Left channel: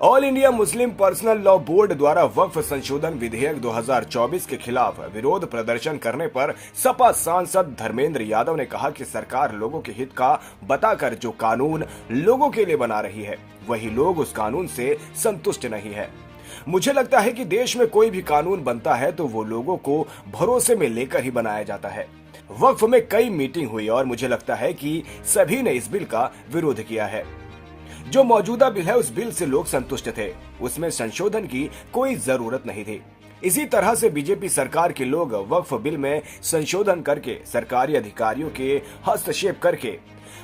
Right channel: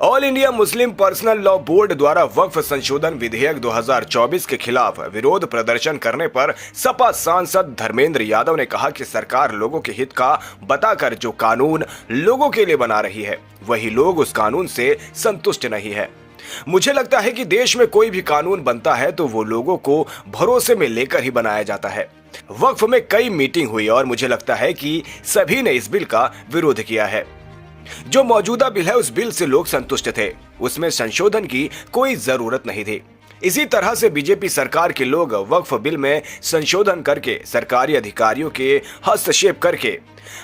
All India Muslim personal law board द्वारा वक्फ संशोधन विधेयक 2024 के खिलाफ विरोध प्रदर्शन करने पर सपा सांसद धर्मेंद्र यादव ने कहा कि सरकार लोगों के हित का बताकर जो कानून लोगों के लिए बना रही है, वही लोग उस कानून से संतुष्ट नहीं है। मुझे लगता है कि देश में कोई भी कानून बनता है तो वो लोगों को भरोसे में लेकर ही बनाया जाता है। वक्फ में कई मीटिंग हुई और मुझे लगता है कि सभी ने इस बिल का विरोध किया है। जो मौजूदा बिल है उस बिल से लोग संतुष्ट थे, उसमें संशोधन की कोई जरूरत नहीं थी। इसी तरह से बीजेपी सरकार के लोग वक्फ बिल में संशोधन करके, सरकारी अधिकारियों के हस्तक्षेप करके,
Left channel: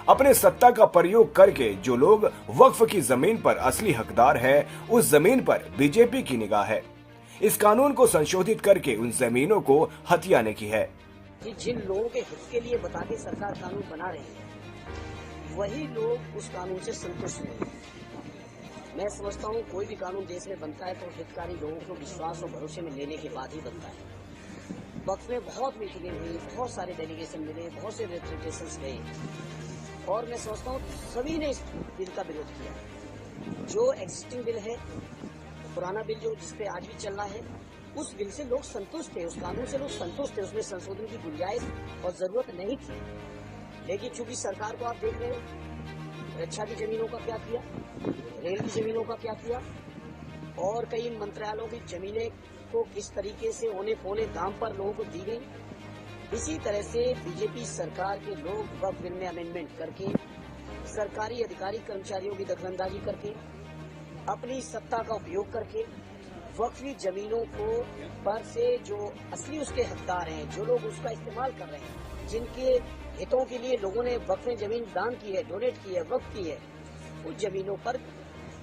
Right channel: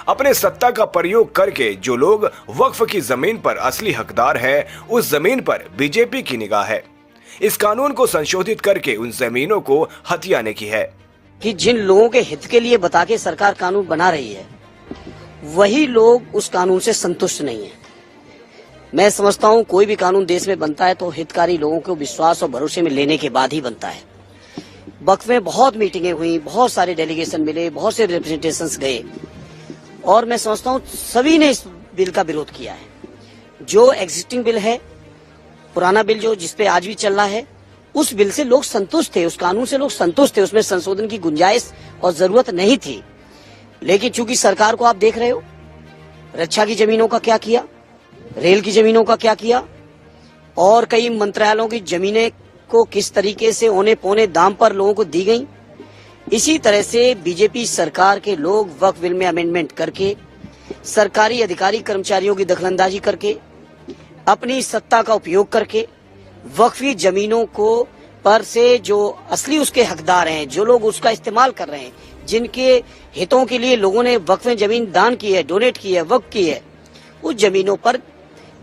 अपने सत्ता का प्रयोग करके जो लोग वक्फ की जमीन पर असली हकदार है, उस जमीन पर बीजेपी की निगाह है। इस कानून को संशोधित करके उन जमीनों को हथियाने की है कि जिन लोगों के हित के लिए बता के सरकार कानून बना रही है, वही लोग उस कानून से संतुष्ट नहीं है। मैं समझता हूं कोई भी कानून देश में बनता है तो हितकारी लोगों को विश्वास और भरोसे में लेने के बाद ही बनता है। वक्फ में बहुत मीटिंगें हुई, बहुत सारे डेलीगेशन मिले, बहुत से रिप्रेजेंटेशंस गए और मैं समझता हूं सभी ने इस बिल का विरोध किया है। जो एग्जिस्टिंग बिल है, पुराना बिल जो जिसपे आज भी चल रहा है, उस बिल से लोग संतुष्ट थे, उस कानून से लोग संतुष्ट थे, उसमें संशोधन की गुंजाइश और जरूरत नहीं थी। लेकिन चूंकि सरकार को आप देख रहे हो, रक्षा की जमीनों का क्या किया, रेल की जमीनों का क्या किया और कई मंत्रालयों की जमीनें को किस तरीके से औने पौने दाम पर लोगों को दी गई। इसी तरह से बीजेपी सरकार के लोग वक्फ बिल में अमेंडमेंट करके, सरकारी अधिकारी कर्मचारियों की दखलंदाजी करके, अपनी सत्ता का उपयोग करके वक्फी जमीनों को पर से जो असली उसके हकदार हैं, जो लोग उसका इस्तेमाल कर रहे हैं, जिनके हितों के लिए लोगों ने वक्फ में जमीन दान की है, डोनेट की है, वक्फ की है, उस जमीनों पर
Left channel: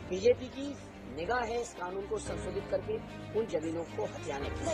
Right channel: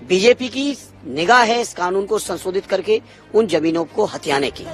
बीजेपी की निगाह है इस कानून को संशोधित करके उन जमीनों को हथियाने की।